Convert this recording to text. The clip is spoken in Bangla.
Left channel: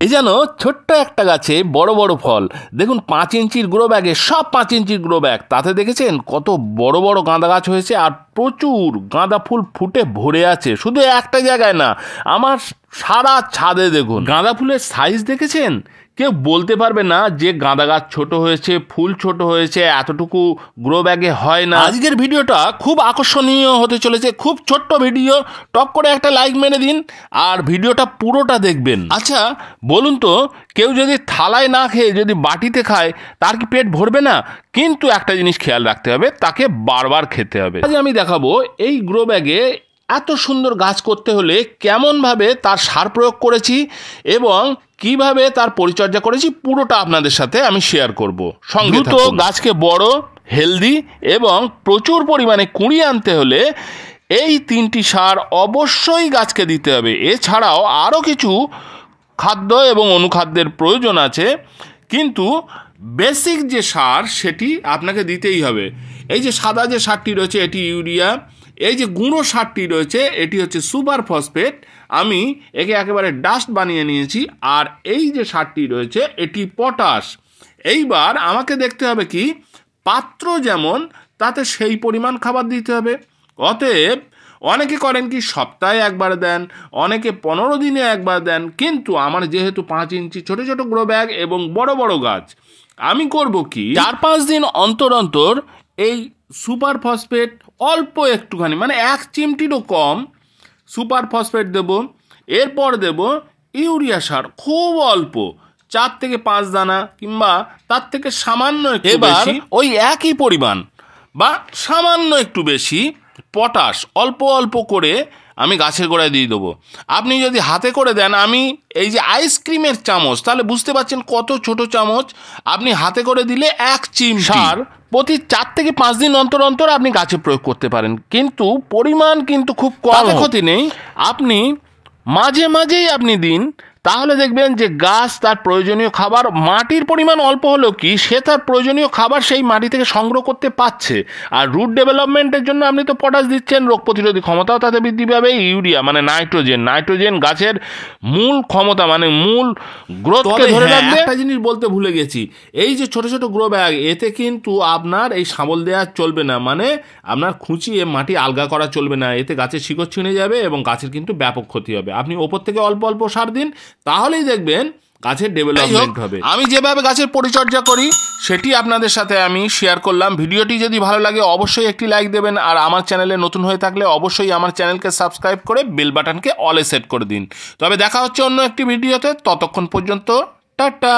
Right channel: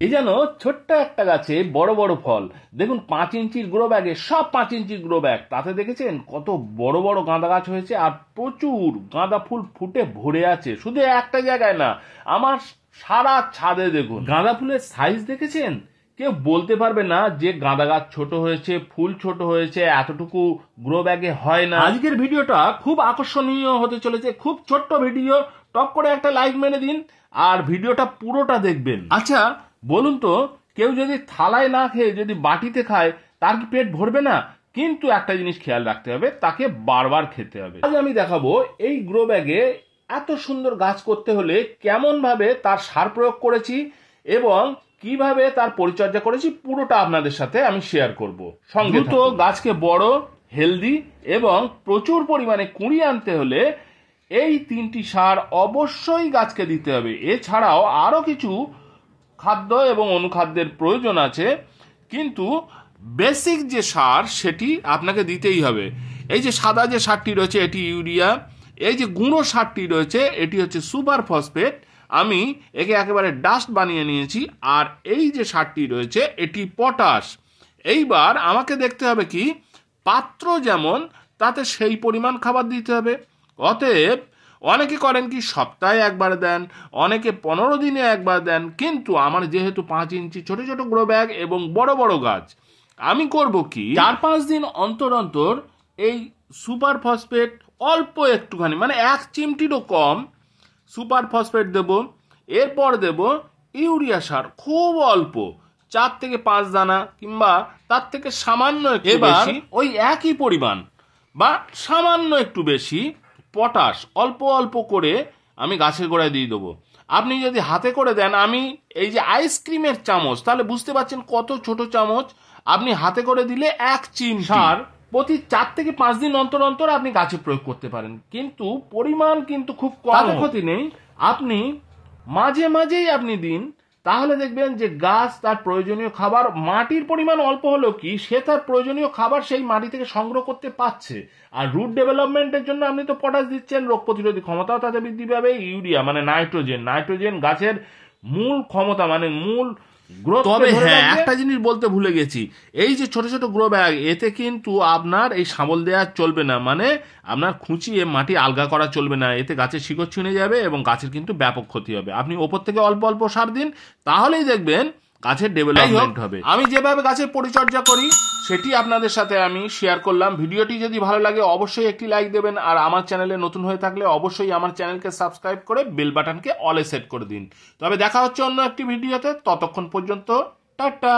এই যেন ছোট্ট একটা গাছে বড় বড় ফল। দেখুন 5 ইঞ্চির গ্রো ব্যাগে, সব 5 ইঞ্চির গ্রো ব্যাগ, তাতে দেখেছেন কত বড় বড় গাঁদা গাছ হয়েছে আর প্রচুর গাঁদা ফুল ফুটে ভরে আছে। শুধু একটা জায়গায় না, আমার সারা ছাদে দেখুন গাঁদা ফুলের সাইজ দেখেছেন। কেউ বলতে পারবে না যে গাঁদা গাছ ছোট হয়েছে, ফুল ছোট হয়েছে, এতটুকু গ্রো ব্যাগে হয় না। আজকের ভিডিওটা খুব আকর্ষণীয় হতে চলেছে, খুব ছোট্ট ভিডিও। টক করে একটা লাইক মেরে দিন আর ভিডিওটা পুরোটা দেখবেন। আচ্ছা বলুন তো, কেউ যদি থালায় না খেয়ে যদি বাটিতে খায় তার কি পেট ভরবে না? কিন্তু একটা জিনিস খেয়াল রাখতে হবে, তাকে বারবার খেতে হবে। আজ আমি দেখাবো এই গ্রো ব্যাগে এত সুন্দর গাছ করতে হলে কেমনভাবে তার সার প্রয়োগ করেছি এবং কিভাবে তার পরিচর্যা করেছি, পুরোটা আপনাদের সাথে আমি শেয়ার করব। সঙ্গে তো গাছকে বড়, হেলদি এবং প্রচুর পরিমাণে কুঁড়ি আনতে হলে এই 3টি সার অবশ্যই গাছকে দিতে হবে। এছাড়াও আরও কিছু খাদ্য এবং অনুখাদ্যের প্রয়োজন আছে, কিন্তু বেসিক যে সার সেটি আপনাকে দিতেই হবে। এই যে সাদা যে সারটি রয়েছে এটি ইউরিয়া, এই যে গুঁড়ো সারটি রয়েছে এটি হচ্ছে সুপার ফসফেট। আমি একে একেবারে ডাস্ট বানিয়ে নিয়েছি। আর এই যে সারটি রয়েছে এটি পটাশ। এইবার আমাকে দেখতে হবে কি পাত্র যেমন, তাতে সেই পরিমাণ খাবার দিতে হবে। অতএব অনেকে করেন কি সপ্তাহে একবার দেন, অনেকে 15 দিনে একবার দেন, কিন্তু আমার যেহেতু 5 ইঞ্চি ছোট ছোট গ্রো ব্যাগ এবং বড় বড় গাছ, আমি করব কি 4-5 দিন অন্তর অন্তর এই সুপার ফসফেট অল্প একটুখানি, মানে 1 চিমটিরও কম সুপার ফসফেট দেব। এরপর দেব ইউরিয়া সার, খুব অল্প 4 থেকে 5 দানা কিংবা তার থেকে সামান্য একটু বেশি, ওই একই পরিমাণ বা সামান্য একটু বেশি পটাশ অল্প অল্প করে আমি গাছের গোড়ায় দিয়ে দেবো। আপনি যদি হাতে করে দেন, আমি এই যে আইসক্রিমের চামচ, তাহলে বুঝতে পারছেন কত ছোট চামচ, আপনি হাতে করে দিলে 1 চিমটি সার প্রতি 4 থেকে 5 দিন অন্তর অন্তর আপনি গাছে প্রয়োগ করতে পারেন। কিন্তু পরিমাণ কিন্তু খুব কম, ক্ষতি নেই। আপনি মাঝে মাঝেই আপনি দিন, তাহলে দেখবেন যে গাছ তার প্রয়োজনীয় খাবার, মাটির পরিমাণ অল্প হলেও কি সে তার প্রয়োজনীয় খাবার সেই মাটি থেকে সংগ্রহ করতে পারছে। আর রুট ডেভেলপমেন্টের জন্য আপনি তো পটাশ দিচ্ছেন, রোগ প্রতিরোধী ক্ষমতাও তাতে বৃদ্ধি পাবে। ইউরিয়া মানে নাইট্রোজেন গাছের মূল ক্ষমতা, মানে মূল গ্রোথকে ধরে রাখবে। একটা জিনিস বলতে ভুলে গেছি, এই যে ছোট ছোট গ্রো ব্যাগ, এতে কিন্তু আপনার এই শাবল দেওয়া চলবে না, মানে আপনার খুঁচিয়ে মাটি আলগা করা চলবে না। এতে গাছের শিকড় ছিঁড়ে যাবে এবং গাছের কিন্তু ব্যাপক ক্ষতি হবে। আপনি ওপর থেকে অল্প অল্প সার দিন, তাহলেই দেখবেন গাছের ডেভেলপমেন্ট হবে। আমি যেভাবে গাছের পরিচর্যা করি সেটি আপনাদের সাথে আমি শেয়ার করলাম। ভিডিওটি যদি ভালো লাগে অবশ্যই একটি লাইক দেবেন, আর আমার চ্যানেলে নতুন হয়ে থাকলে অবশ্যই আমার চ্যানেলকে সাবস্ক্রাইব করে বেল বাটনকে অলে সেট করে দিন। তবে দেখা হচ্ছে অন্য একটি ভিডিওতে, ততক্ষণ পর্যন্ত টাটা।